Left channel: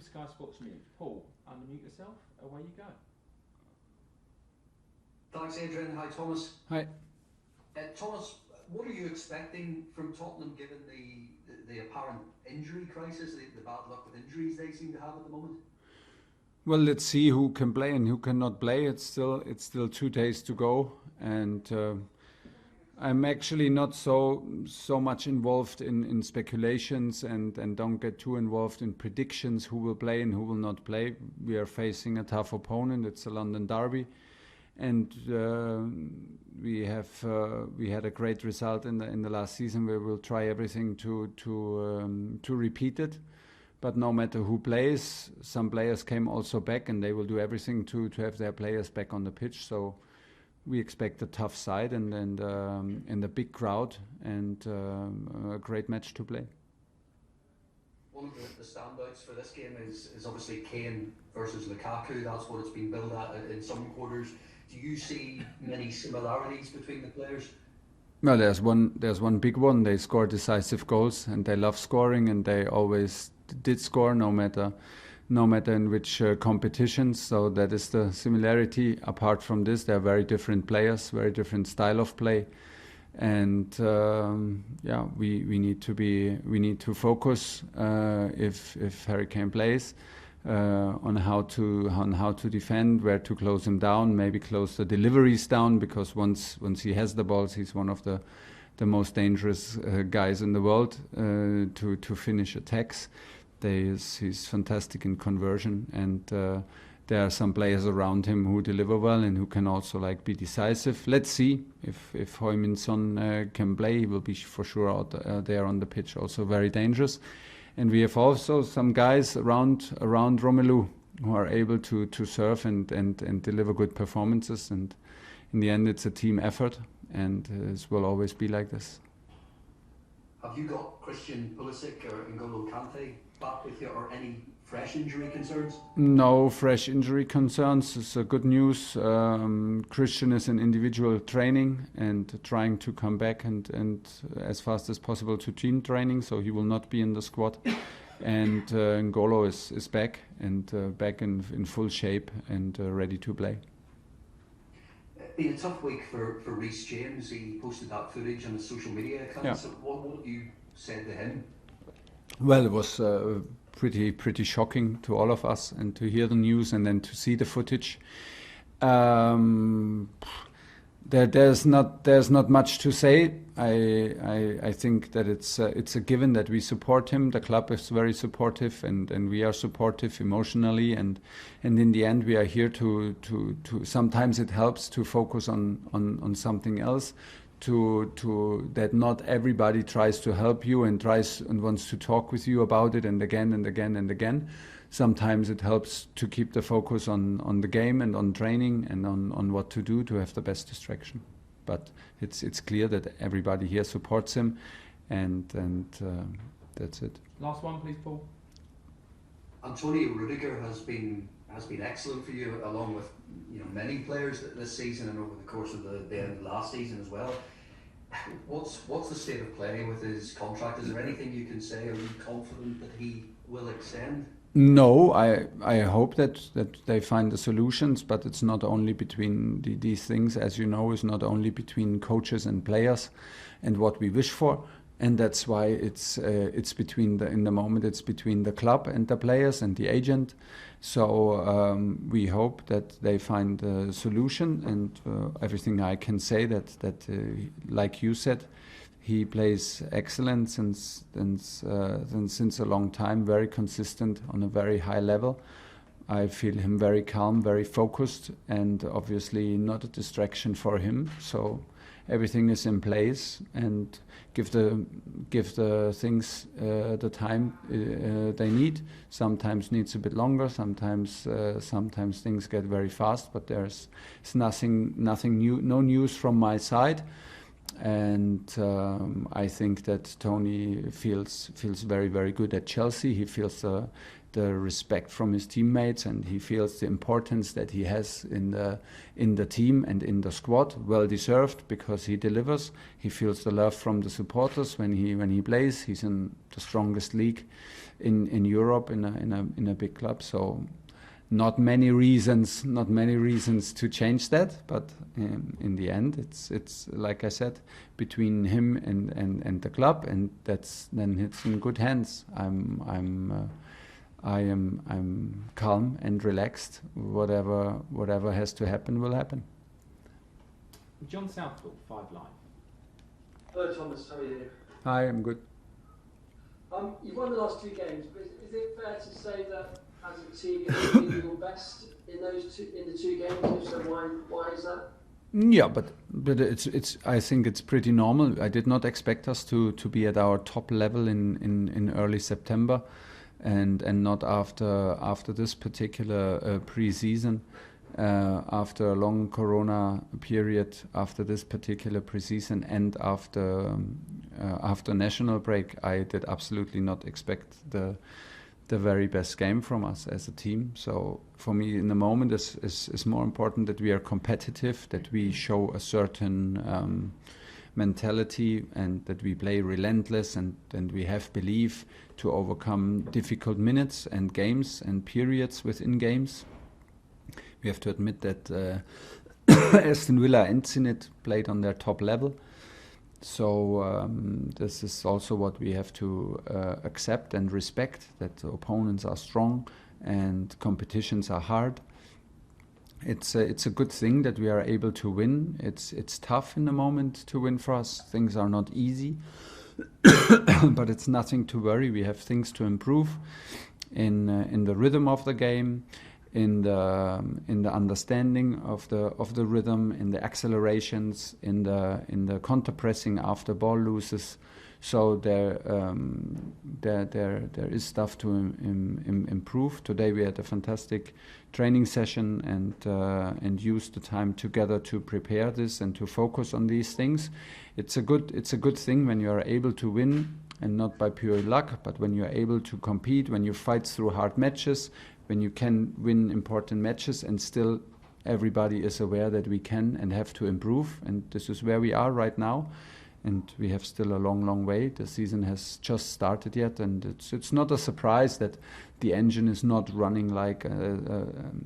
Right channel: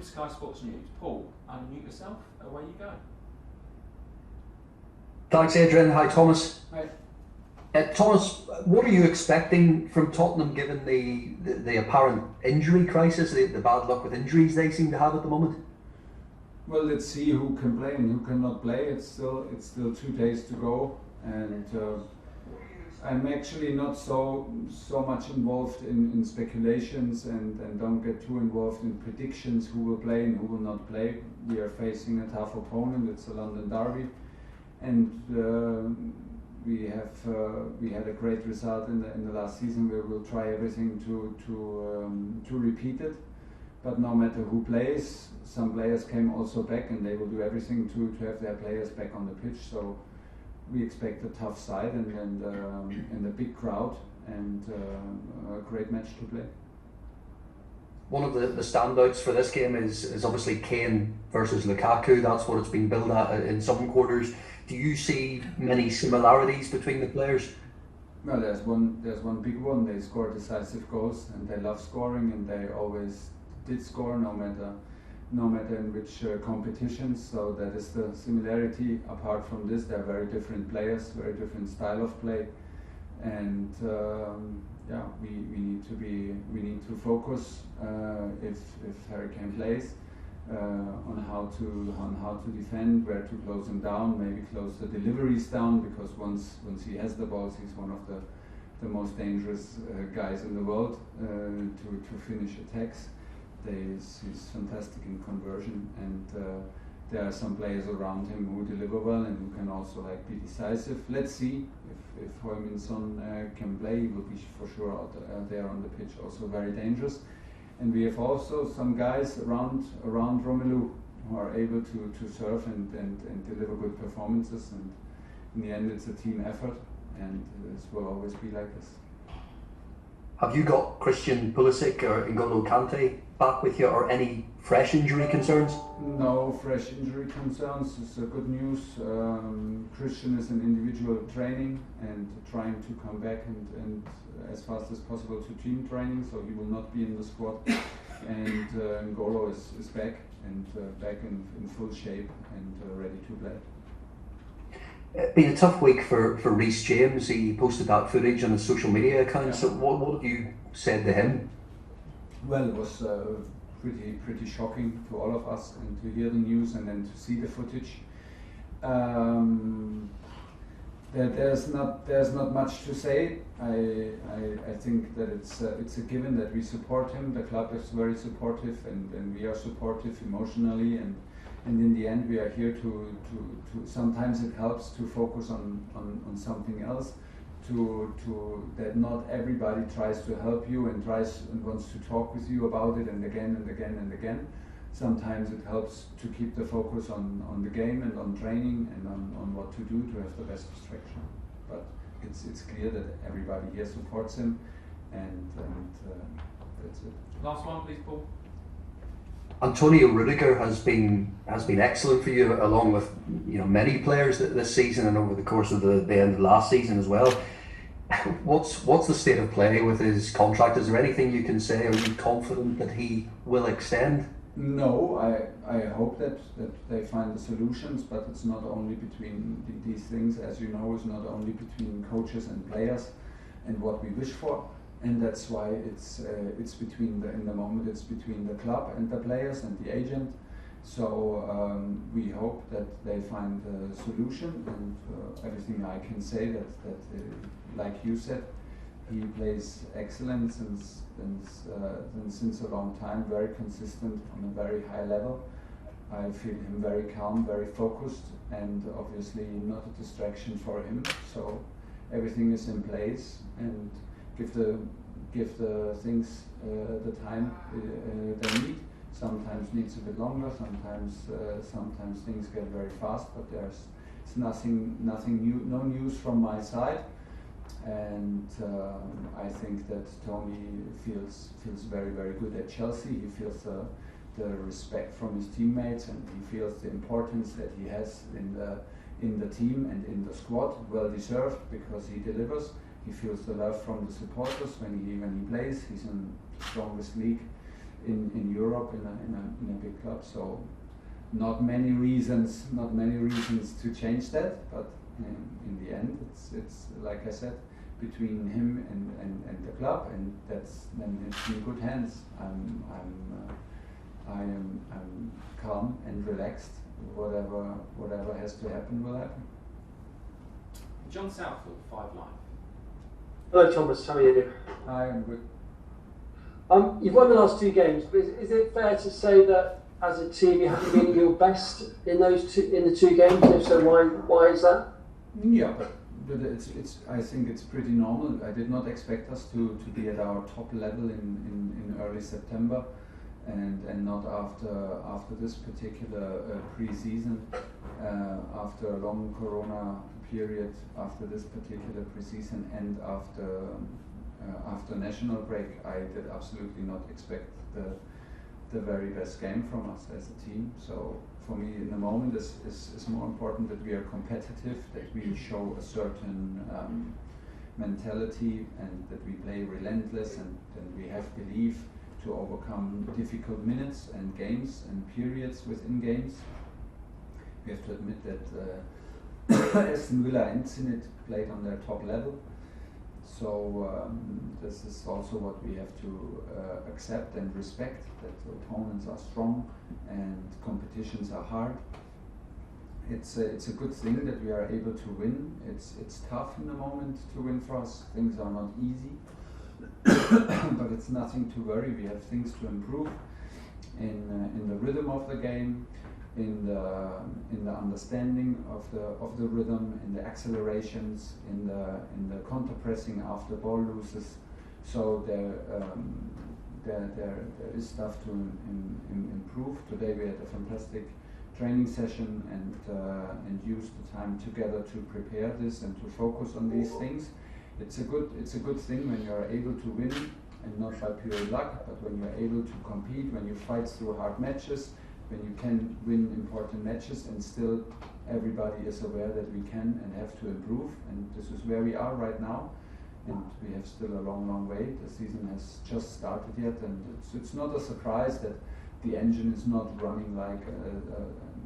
with Sky Sports News. Paul, unmute yourself, away you go. Thanks, Adrian. Hi, Thomas. Hi. Thomas, what are you expecting from Tottenham given the apparent injury crisis, the bad luck with injuries they seem to have at the moment? Well, let's see who can play and who cannot play. It's still 2 days to go, and I'm actually not so much involved in speculations and don't get too involved in predictions who will play and who will not play. We are facing a tough opponent. It's a London derby, and we had a great result in the last season. We will try everything to repeat it. But no matter who plays, some players came also back, and they will do everything to have their players back on the pitch. So we expect a tough side and a big crowd and a great match to play. One of the standouts for this game is obviously Kane versus Lukaku. That's what it's been billed at in some quarters. Do you see many similarities between the players? Well, there's one big one. They score decisive goals, and they love scoring, and they always did score no matter in which competitions. So that is the similarity. Apart from this, they're very different players, very different style of play, and we need to focus if Harry Kane plays on how to defend, where to close him down, maybe close the deliveries down, because once he has the balls, he's one of the most dangerous guys in the world to finish attacks. He's fantastic in conversion, and there are some players around him who deliver well and who can also be decisive. Let's see if Heung-min Son can play. He will be for sure out there on the pitch, also very dangerous. And we have also some guys around Romelu who are able to serve and deliver good performances. And in the end, it's a team effort, and it will always be like this. Have you got Christian Pulisic or N'Golo Kante back with you, or any fresh injury concerns? No fresh injury concerns. It's good news. Christian is in individual training and trying to come back and as fast as possible to team training, so he will not be in the squad. And N'Golo is back and back in full shape and ready to play. It's been a tough week for Reece James. He posted that footage on his social media account. Yeah. So what have you said to him? Well, it was pretty shocking to all of us, and to hear the news and then to see the footage. There's not much to say. I think that it's a given that we support him. The club is very supportive, and we are supportive emotionally, and in the end we are here to sometimes it helps to focus on something else, to that not everybody tries to help you and wants to talk with you about it and again and again and again. Sometimes it helps to keep the focus on the game and on training and on what to do to have the best distraction. But it's clear that everybody here supports him, and that's it. Last one, please, Paul. Antonio Rudiger has been excellent for you, along with many players this season and over the course of the end of last season as well. What's the state of play with his contract? Is there anything you can say? Are you confident that he will extend? No, I hope that they find the solutions, but it's not only between these things, as you know, it's not only between coaches and players and what we wish for. And that's why it's between in the moment it's between the club and the players and the agent. So we hope that they find a solution, and everything I can say that like you said, he plays excellent since a long time, very consistent on a very high level. I feel him very calm, very focused, and obviously not a distraction for him. So everything is in place, and give the things the time they need. Sometimes needs a bit longer. Sometimes things get very fast. But there's nothing new, no news from my side. And I think that Tony feels very, very good at Chelsea. He feels the respect from his teammates, and he feels the importance that he has in the team and in the squad. Well deserved, because he delivers. He feels the love from the supporters when he plays. He's in the strongest league in Europe in a big club. So not many reasons to change that, but in the end it's like I said, between him and the club, and it's in good hands. I'm calm and relaxed. Whatever has to happen will happen. John Southwood, 5 Live. Hello Thomas, how are you? Hi, I'm good. You've won the last 2 games, but is it fair to say that as a team you have to win your best in the 2 games? If so, why is that? Yeah, but it's I think it's pretty normal. I did not expect us to be at our top level in early September, and not after this particular pre-season. After a long Corona period, after this particular pre-season, and after national break, I did absolutely not expect the very best game from us as a team. So for me, in the moment, is more important that we are competitive, that we show a certain mentality, and that we play relentless, and we have belief to overcome difficult minutes and games and periods within games. We have to admit that Aston Villa and Zenit played on their top level. So this is also what we have to accept and respect, that the opponents are strong and competitions are hard. It's a good thing that we are able to win. It's tough in the moment to win for us. Things are not easy, but it's nothing to worry. We have things to improve in the rhythm of the game, in the understanding of the rhythm, in the accelerations, in the counter pressing after ball loses. So there is stuff to improve. Today we had a fantastic training session and used the time together to prepare this and to focus on these things. It's a good thing when you are able to win, and not by pure luck, but when you are able to compete, when you fight through hard matches, when you can win important matches, and still everybody is aware that we can and have to improve. And this is where we are right now, and we have still a long way. The season has just started yet, and it's not a surprise that the engine is not running like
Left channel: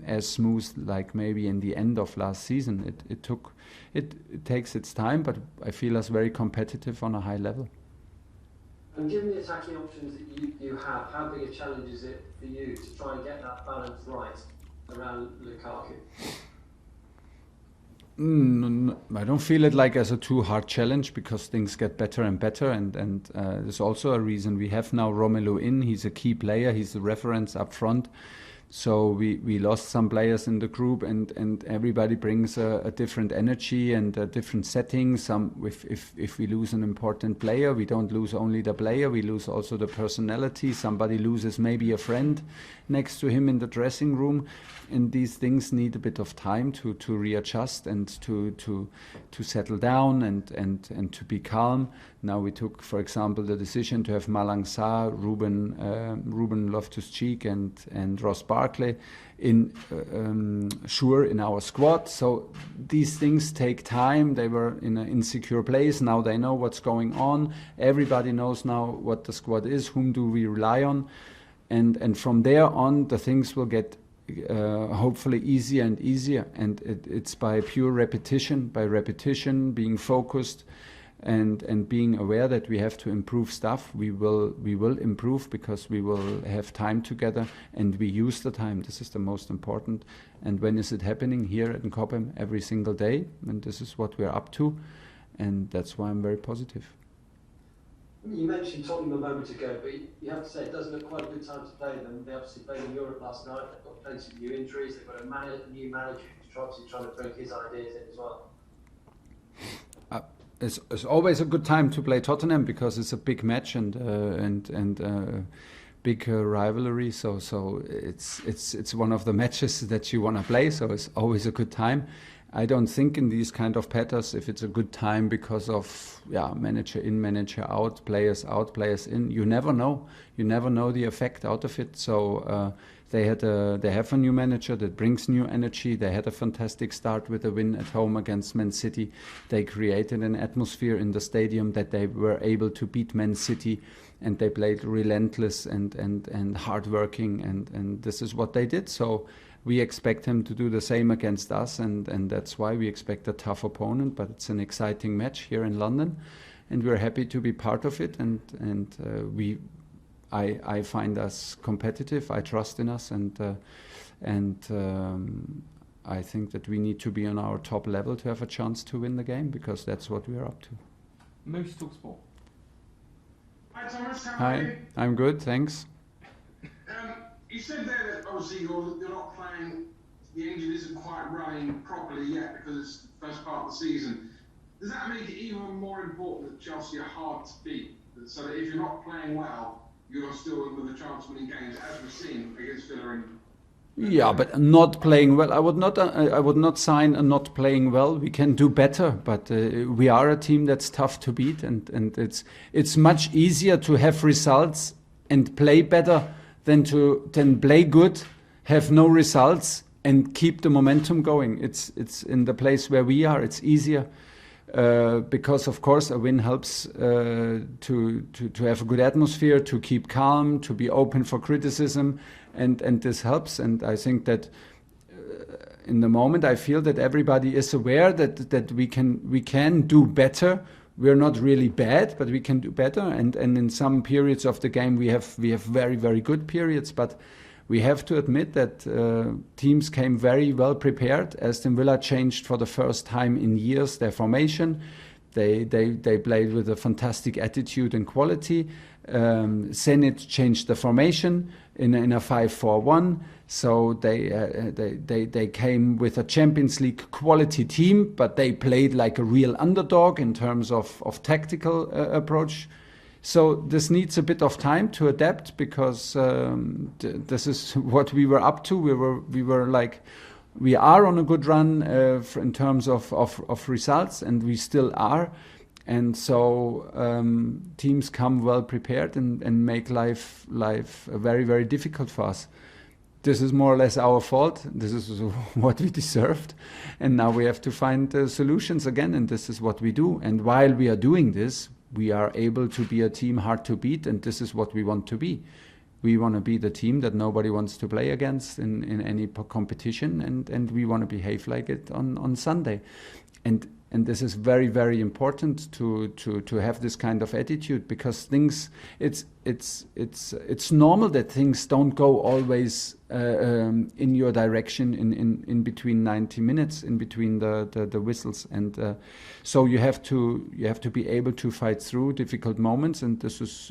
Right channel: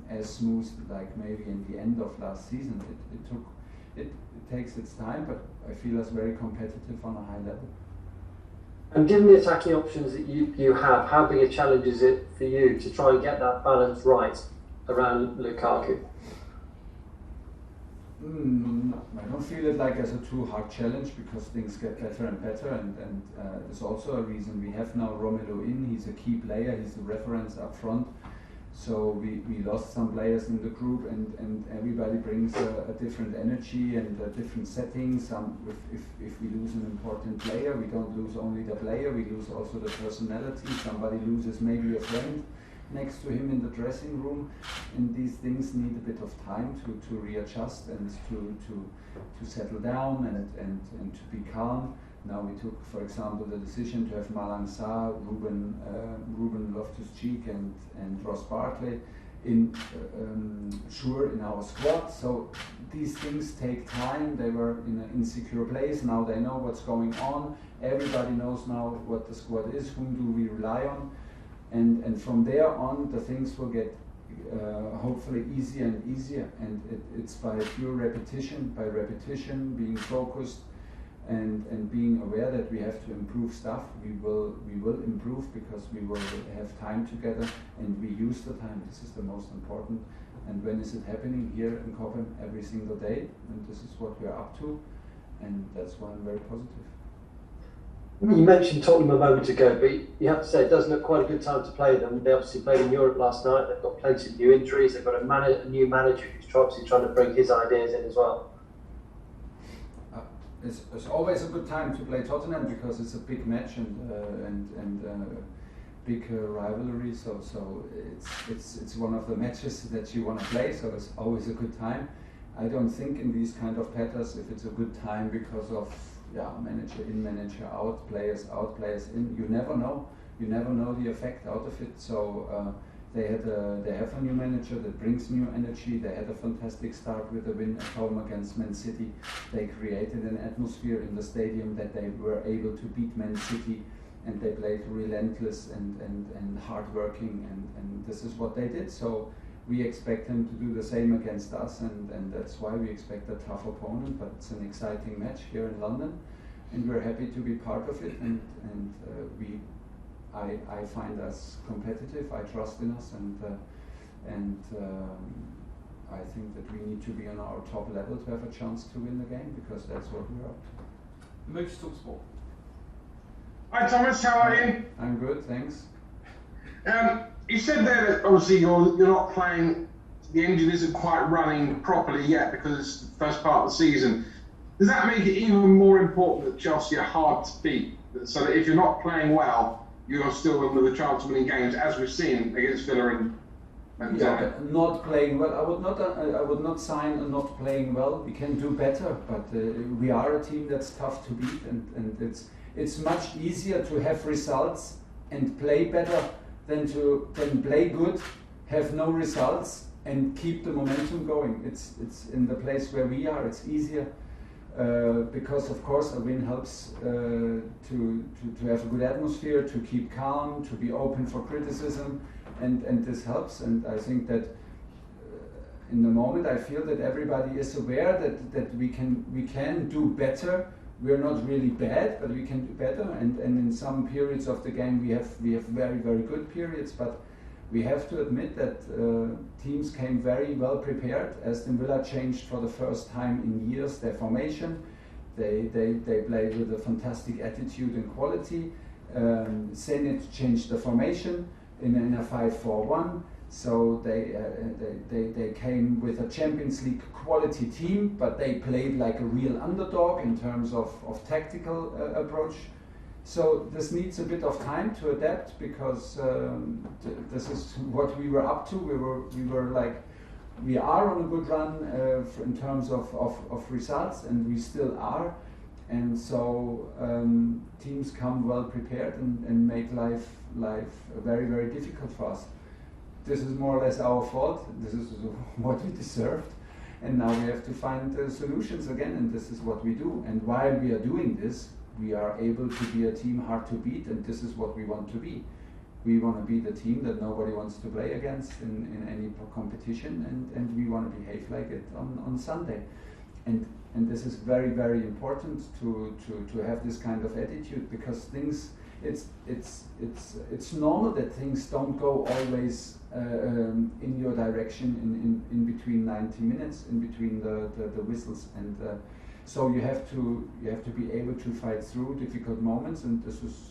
as smooth like maybe in the end of last season. It takes its time, but I feel us very competitive on a high level. And given the attacking options that you have, how big a challenge is it for you to try and get that balance right around Lukaku? I don't feel it like as a too hard challenge, because things get better and better, and there's also a reason we have now Romelu in. He's a key player, he's the reference up front. So we lost some players in the group, and everybody brings a different energy and a different setting. If we lose an important player, we don't lose only the player, we lose also the personality. Somebody loses maybe a friend next to him in the dressing room, and these things need a bit of time to readjust and to settle down and to be calm. Now we took, for example, the decision to have Malang Sarr, Ruben Loftus-Cheek and Ross Barkley in our squad. So these things take time. They were in an insecure place. Now they know what's going on. Everybody knows now what the squad is. Whom do we rely on? And from there on, the things will get hopefully easier and easier. And it's by pure repetition, being focused, and being aware that we have to improve stuff. We will improve, because we will have time together, and we use the time. This is the most important. And when is it happening? Here in Cobham, every single day, and this is what we're up to, and that's why I'm very positive. You mentioned Tottenham a moment ago, but you have to say it does look quite a good time to play them. They obviously played in Europe last night. They've got plenty of new injuries. They've got a new manager who's obviously trying to bring his ideas in as well. It's always a good time to play Tottenham, because it's a big match and big rivalry. So it's one of the matches that you want to play. So it's always a good time. I don't think in these kind of patterns if it's a good time because of manager in, manager out, players in. You never know. You never know the effect out of it. So they have a new manager that brings new energy. They had a fantastic start with a win at home against Man City. They created an atmosphere in the stadium that they were able to beat Man City and they played relentless and hardworking, and this is what they did. So we expect him to do the same against us, and that's why we expect a tough opponent. But it's an exciting match here in London, and we're happy to be part of it. I find us competitive. I trust in us, and I think that we need to be on our top level to have a chance to win the game, because that's what we're up to. Moose talk sport. Hi Thomas, how are you? I'm good, thanks. You said there that obviously you're not playing, the engine isn't quite running properly yet because it's the first part of the season. Does that make it even more important that Chelsea are hard to beat, so that if you're not playing well, you're still under the chance of winning games, as we've seen against Villa and yeah, but not playing well. I would not sign a not playing well. We can do better, but we are a team that's tough to beat, and it's much easier to have results and play better than play good, have no results, and keep the momentum going. It's in the place where we are. It's easier because of course a win helps to have a good atmosphere, to keep calm, to be open for criticism. And this helps, and I think that in the moment I feel that everybody is aware that we can do better. We're not really bad, but we can do better. And in some periods of the game we have very, very good periods. But we have to admit that teams came very well prepared. Aston Villa changed for the first time in years their formation. They played with a fantastic attitude and quality. Zenit changed the formation in a 5-4-1, so they came with a Champions League quality team, but they played like a real underdog in terms of tactical approach. So this needs a bit of time to adapt, because this is what we were up to. We are on a good run in terms of results, and we still are. And so teams come well prepared and make life very, very difficult for us. This is more or less our fault. This is what we deserved. And now we have to find solutions again, and this is what we do. And while we are doing this, we are able to be a team hard to beat, and this is what we want to be. We want to be the team that nobody wants to play against in any competition, and we want to behave like it on Sunday. And this is very, very important to have this kind of attitude, because things, it's normal that things don't go always in your direction in between 90 minutes, in between the whistles, and so you have to be able to fight through difficult moments, and this is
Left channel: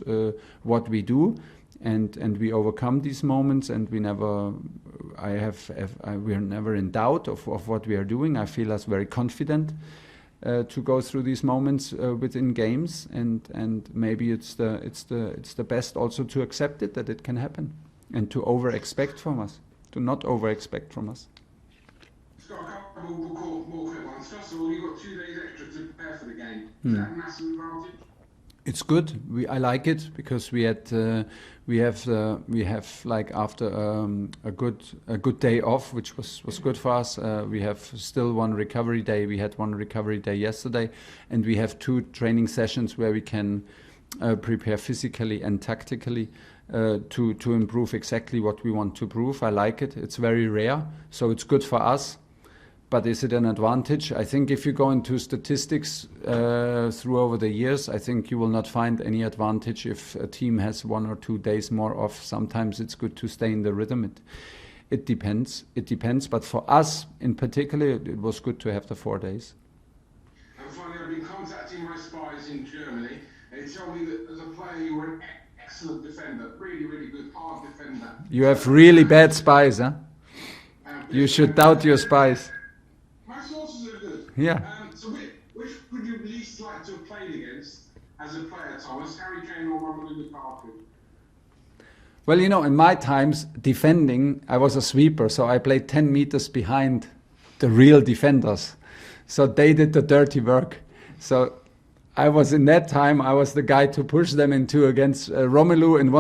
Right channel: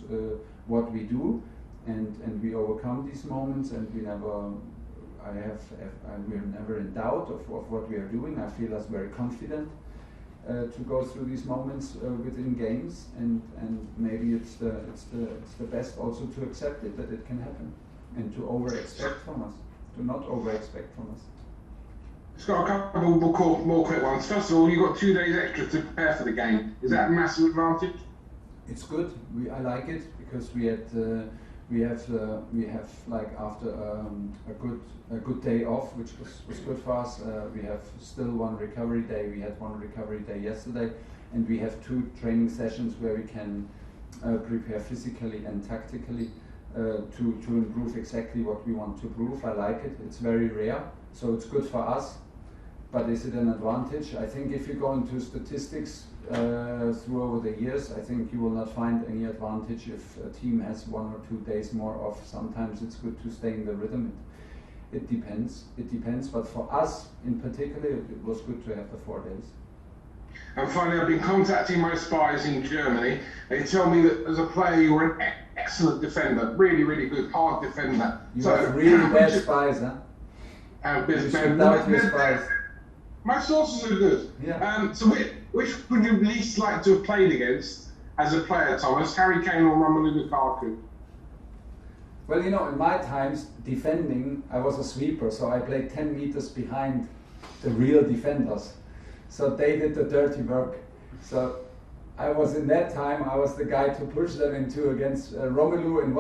what we do, and we overcome these moments, and we never. We're never in doubt of what we are doing. I feel us very confident to go through these moments within games, and maybe it's the best also to accept it, that it can happen, and to over-expect from us, to not over-expect from us. Just got a couple more quick ones. First of all, you got 2 days extra to prepare for the game. Is that a massive advantage? It's good. I like it, because we have like after a good day off, which was good for us. We have still one recovery day. We had one recovery day yesterday, and we have 2 training sessions where we can prepare physically and tactically to improve exactly what we want to prove. I like it. It's very rare, so it's good for us. But is it an advantage? I think if you go into statistics through over the years, I think you will not find any advantage if a team has 1 or 2 days more off. Sometimes it's good to stay in the rhythm. It depends. But for us in particular, it was good to have the 4 days. And finally, I've been contacting my spies in Germany. They tell me that as a player, you were an excellent defender, really, really good, hard defender. You have really bad spies, huh? You should doubt your spies. My sources are good. Yeah. So which would you least like to have played against as a player, Thomas? Harry Kane or Romelu Lukaku? Well, in my times, defending, I was a sweeper, so I played 10 meters behind the real defenders. So they did the dirty work. So I was in that time, I was the guy to push them into against Romelu, and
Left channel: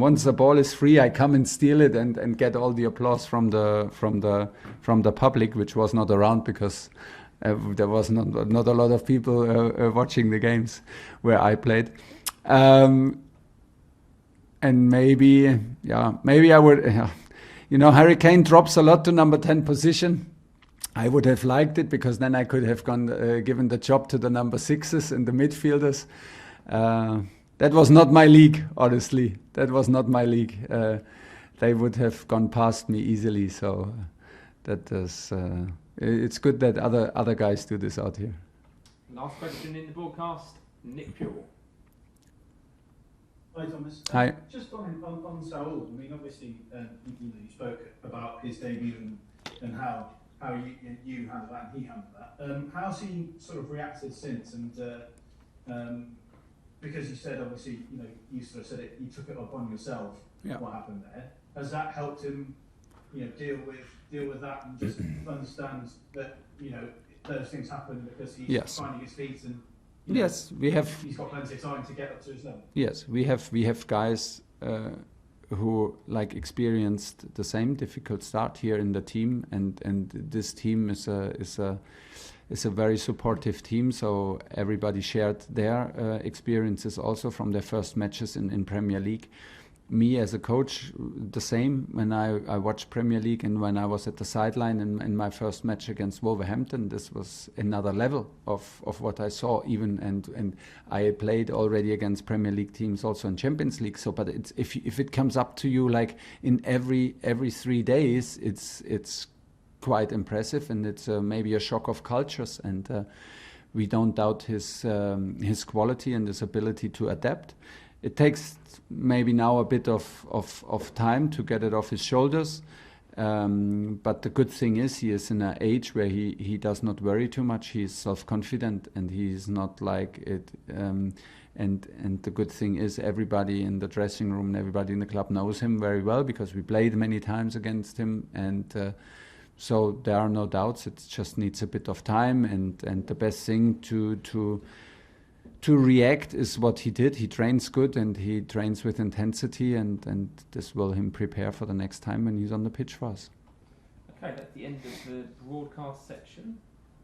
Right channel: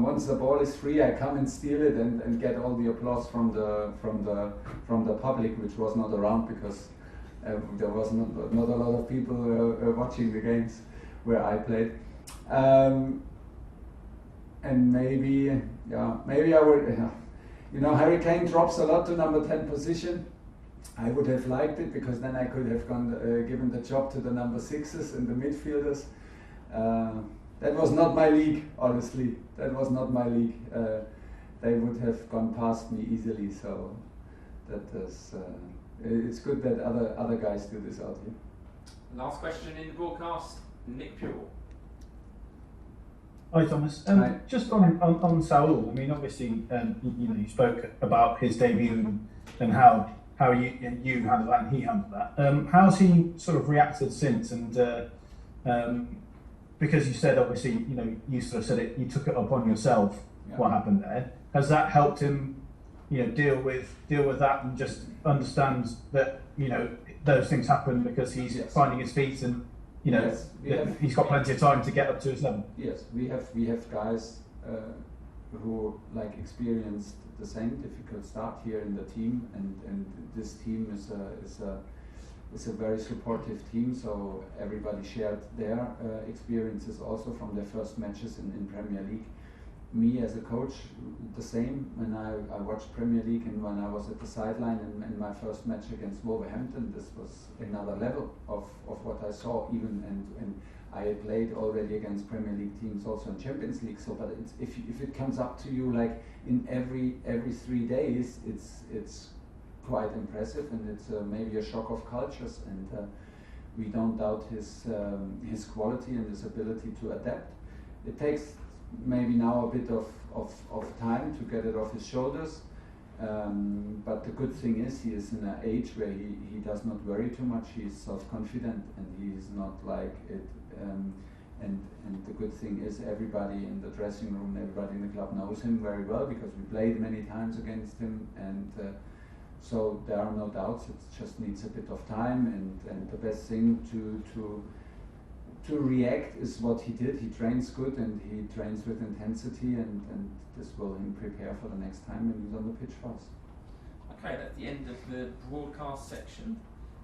once the ball is free, I come and steal it and get all the applause from the public, which was not around because there was not a lot of people watching the games where I played. and maybe I would. Harry Kane drops a lot to number 10 position. I would have liked it because then I could have given the job to the number 6s and the midfielders. That was not my league, honestly. That was not my league. They would have gone past me easily. So that is. It's good that other guys do this out here. Last question in the broadcast, Nick Pure. Hi Thomas. Hi. Just on Saul. I mean, obviously, you spoke about his debut and how you handled that and he handled that. How's he sort of reacted since? And because you said obviously, you sort of said it, you took it upon yourself. Yeah. What happened there? Has that helped him, deal with that and just understand that those things happen because he's finding his feet and. Yes, he's got plenty of time to get up to his level. Yes, we have guys who experienced the same difficult start here in the team, and this team is a very supportive team. So everybody shared their experiences also from their first matches in Premier League. Me as a coach, the same. When I watched Premier League and when I was at the sideline in my first match against Wolverhampton, this was another level of what I saw. Even and I played already against Premier League teams also in Champions League. So, but it's if it comes up to you in every 3 days, it's quite impressive, and it's maybe a shock of cultures. And we don't doubt his quality and his ability to adapt. It takes maybe now a bit of time to get it off his shoulders, but the good thing is he is in an age where he does not worry too much. He is self-confident and he is not like it, and the good thing is everybody in the dressing room and everybody in the club knows him very well because we played many times against him, and so there are no doubts. It just needs a bit of time, and the best thing to react is what he did. He trains good and he trains with intensity, and this will him prepare for the next time when he's on the pitch for us. Okay, at the end of the broadcast section,